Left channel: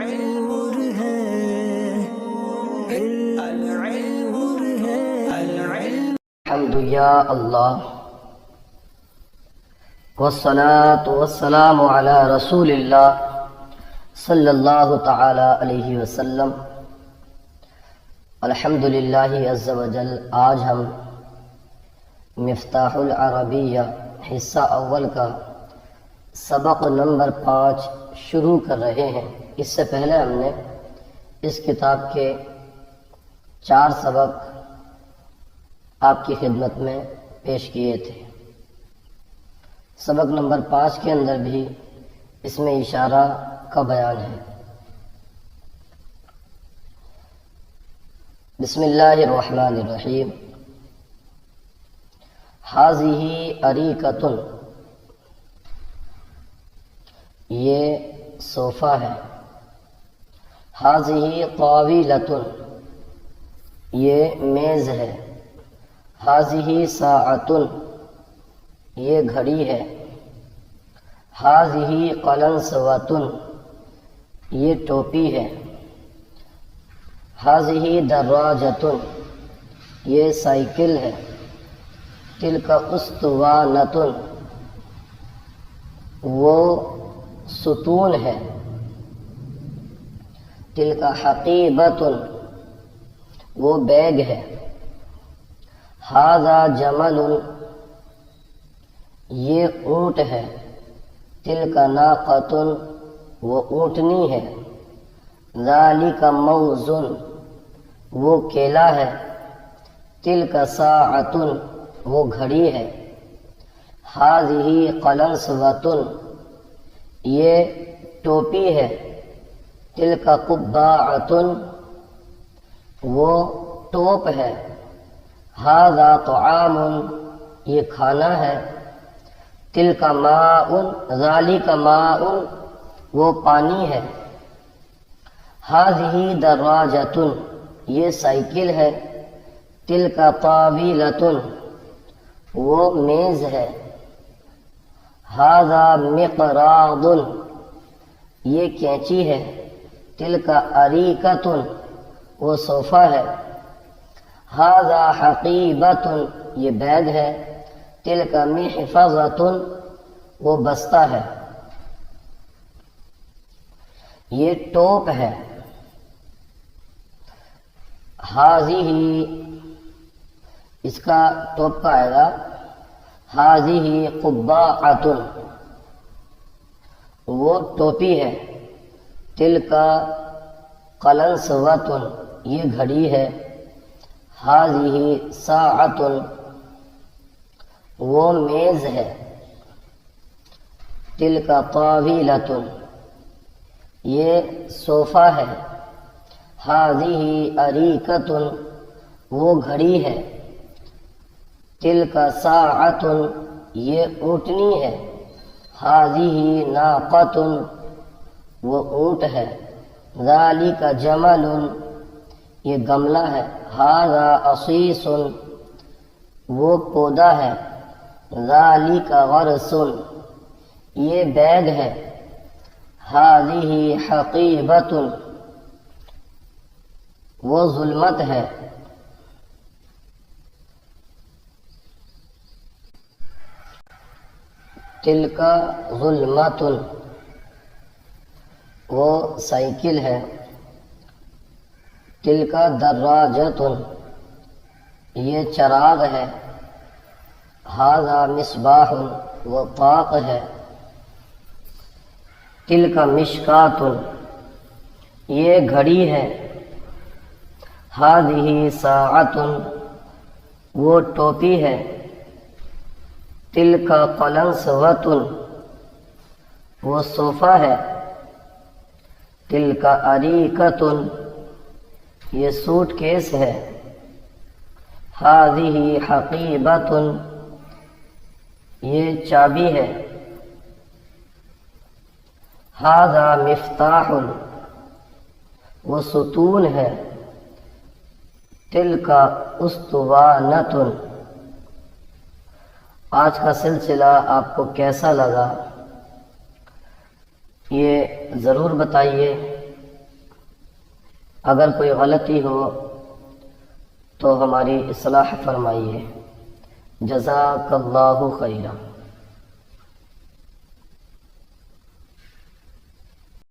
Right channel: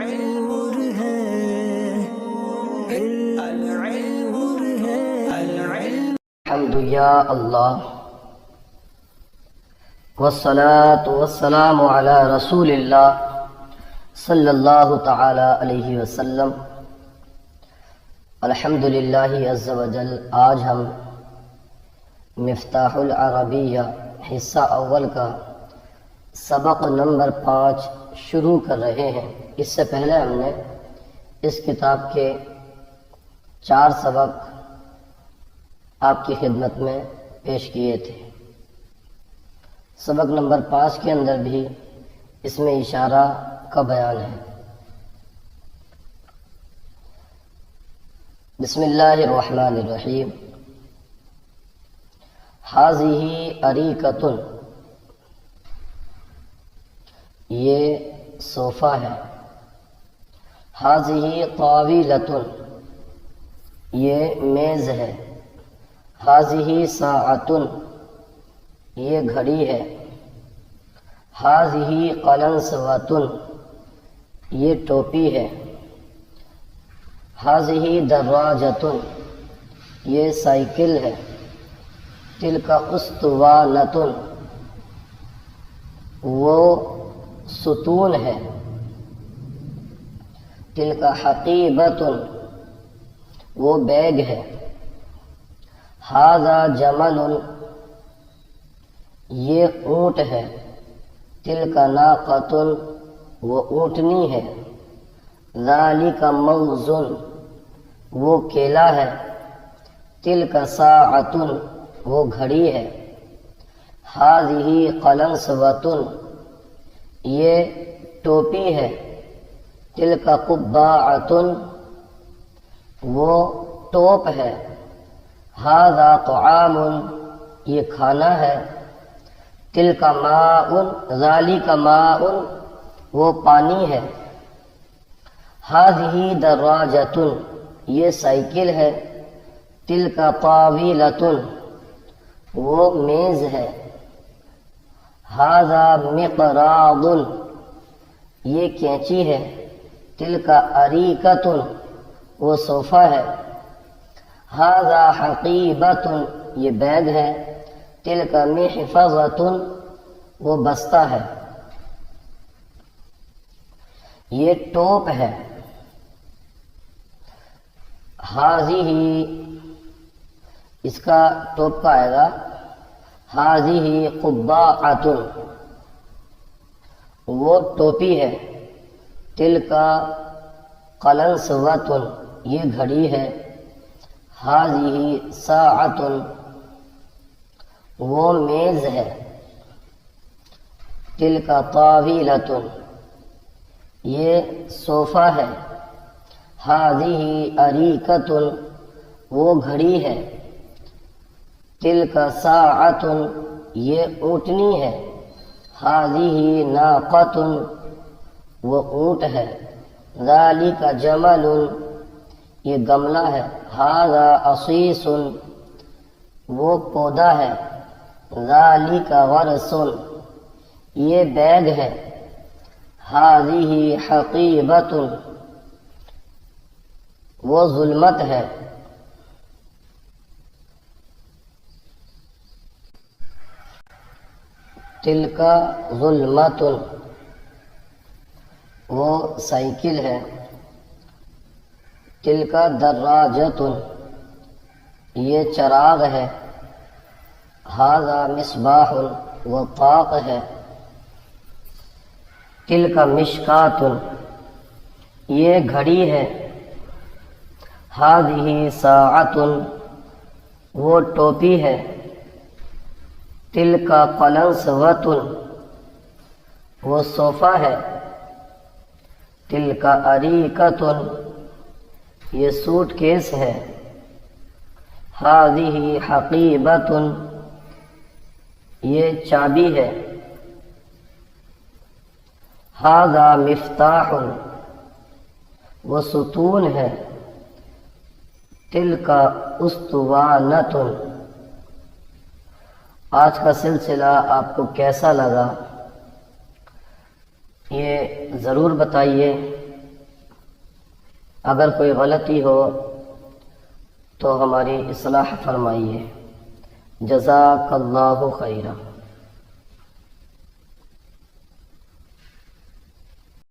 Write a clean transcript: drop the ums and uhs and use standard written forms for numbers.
نور ہے العلم نور ہے العلم الحمد یا اللہ والصلاة والسلام علی رسول اللہ صلی اللہ تعالی علیہ وسلم۔ الحمدللہ عز و جل، آج ہم مفتاح العربیہ حصہ اول کا سبق نمبر 5 شروع کر رہے ہیں۔ اس سے پہلے ہم نے اس کتاب کے 4 سبق آپ کی خدمت میں پیش کیے تھے۔ سبق نمبر 5 کے اندر بھی اس میں اشارہ کا بیان ہے۔ بسم اللہ الرحمن الرحیم۔ ھذہ اریکۃ، یہ صوفہ ہے۔ ھذہ طاولۃ، یہ میز ہے۔ ھذہ ساعۃ، یہ گھڑی ہے۔ ھذہ قلنسوۃ، یہ ٹوپی ہے۔ ھذہ دراجۃ، یہ سائیکل ہے۔ تلک اسطوانۃ، وہ ستون ہے۔ تلک حقیبۃ، وہ بیگ ہے۔ ھذا جمل، یہ اونٹ ہے۔ تلک ناقۃ، وہ اونٹنی ہے۔ ذالک موز، وہ کیلا ہے۔ تلک ساعۃ، وہ گھڑی ہے۔ ھذہ قلنسوۃ، یہ ٹوپی ہے۔ تلک قباعۃ، وہ ٹوپ ہے۔ ھذا طعام، یہ کھانا ہے۔ تلک ماء، ذالک ماء، وہ پانی ہے۔ ھذہ دراجۃ، یہ سائیکل ہے۔ تلک طاولۃ، وہ میز ہے۔ ھذا مقراض، یہ کینچی ہے۔ تلک اریکۃ، وہ صوفہ ہے۔ ھذا حقیبۃ، یہ بیگ ہے۔ تلک محفظۃ، وہ بستہ ہے۔ یہ ٹوپ ہے۔ ھذہ، اس کا ٹوپ کا آئے گا ھذہ قباعۃ، وہ ٹوپی ہے۔ تلک قلنسوۃ، یہ گھڑی ہے۔ ھذہ ساعۃ، وہ میز ہے۔ تلک طاولۃ، یہ صوفہ ہے۔ ھذہ اریکۃ، وہ گھڑی ہے۔ تلک ساعۃ، یہ اونٹنی ہے۔ ھذہ ناقۃ، وہ اونٹ ہے۔ ذالک جمل، یہ گملہ ہے۔ ھذا عصیص، وہ پودا ہے۔ ذالک غرس، یہ بیگ ہے۔ ھذہ حقیبۃ، وہ ظلمت ہے۔ تلک ظلمت، وہ سائیکل ہے۔ تلک دراجۃ، یہ چراغ ہے۔ ھذا مصباح، وہ طاق ہے۔ تلک مشکاۃ، یہ گھڑی ہے۔ ھذہ ساعۃ، وہ ٹوپی ہے۔ تلک قلنسوۃ، وہ صوفہ ہے۔ تلک اریکۃ، یہ سوٹ کیس ہے۔ ھذہ حقیبۃ، یہ چابی ہے۔ ھذا مفتاح، وہ ستون ہے۔ تلک اسطوانۃ۔ آج کا سلسلہ آپ کو کیسا لگا یہ ضرور بتائیے۔ اگر کوئی غلطی ہو تو ہماری اصلاح فرمائیے۔ جزاک اللہ خیرہ۔